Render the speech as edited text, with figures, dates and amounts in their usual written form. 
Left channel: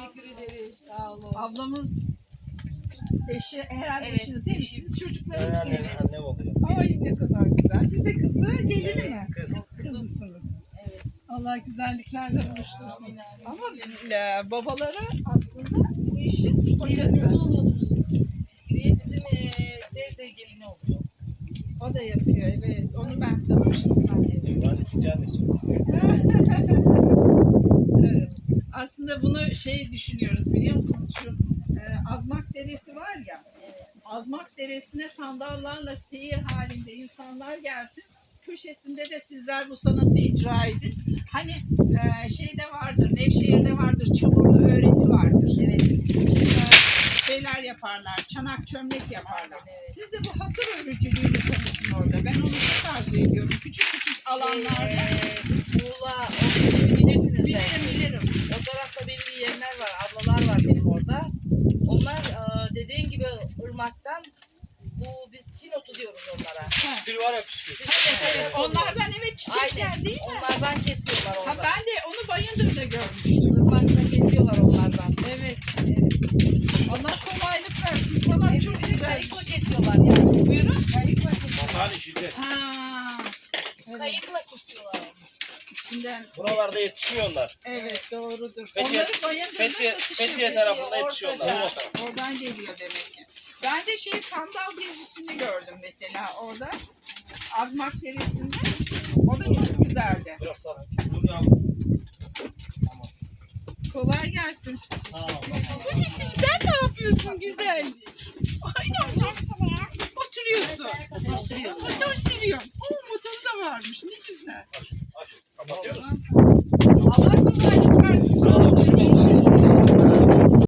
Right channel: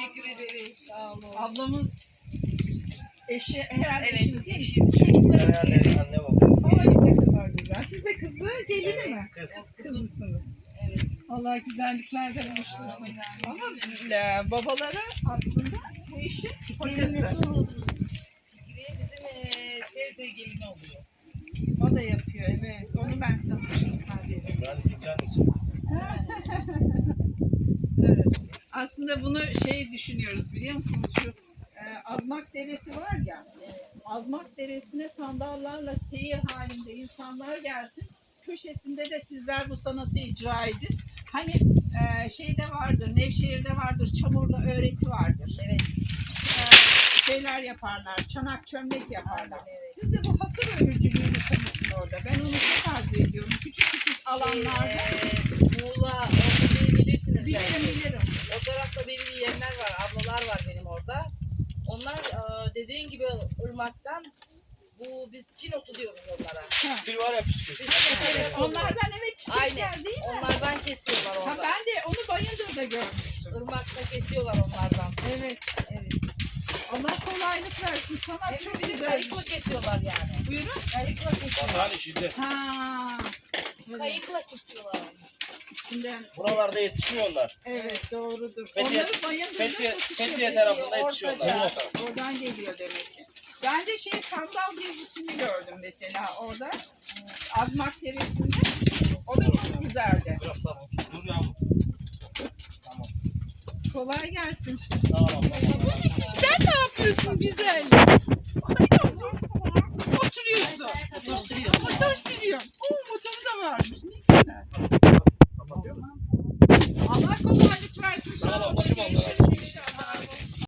Teşekkür ederiz. Sağ olun. Ablamız eşi, herhalde Evet, eşiniz değil mi? eşim. Siz çocukları mı Anne, seviyor? anne baba. Ay ne kadar güzel. Siz de kızı, gelini mi? Kız. Kızısınız. Evet. Allah güzelliklerle buluştursun. Ama babalara aslında bu işin hocası. Fikriye bizim teyze gelini oluyor. O da yapıyor, evet. Onu ben tanımıştım sadece. Ben ikinci annesi. Evet. Aslında bunu düşünüyoruz biliyor musunuz? Şu Azmak Deresi var ya. Azmak Deresi'ne sandallarla seyir halinde insanlar gelsin. Köşesinde de sizler bu sanatı icra edin. Hani şeyde vardır, Nevşehir'de vardır, çamurlu öğreti vardır. Evet. Şeyler yaparlar, çanak çömlek yaparlar. Evet. Siz de bu hasır örücülüğünü tanıtın orada. Ben onu çok arzu ediyorum. Küçük küçük alanlarda. Muğla, o bölgeyi bilirsiniz Bilirim belki. bilirim. O tarafta belli yeğenler var, ablalar var benim orada. Onlar dediğin gibi ırmaktan biz Çin otu diyoruz onlara. Püskül var ya püskül. Biz de Onlardan evet çiçekler Aynen. değil mi? Onlardan kesiyorlar Ha, orada. ben de onu Bayındır'da görmüştüm. Irmakta kesiyorlar onlardan. Evet. Evet. Allah kolaylık versin. Sanat çok güzel. Kayıkla kesiyorlar yani. Buyurun. Kayıkla kesiyorlar. Bak şimdi Ha. Evet. Kayıkla kesiyorlar onu. İçinden. buralarda yetişmiyorlar. Evet doğrudur. Fethiye- Onları Bayındır'da Fethiye satışıyor. tarafında yetişiyorlar. Ortaca. Oradan geliyor demek ki. Ben de sandal gezisini gördüm mesela orada. Azmak Deresi'nde. O da çok güzeldi. Biraz sana. Dur yavrum. Kolay gelsin. Tamam. Bu nesin? Sen ne yapıyorsun güzel? Ay, oturuyorsun. Motor sürüyor. Motor sürüyorsun.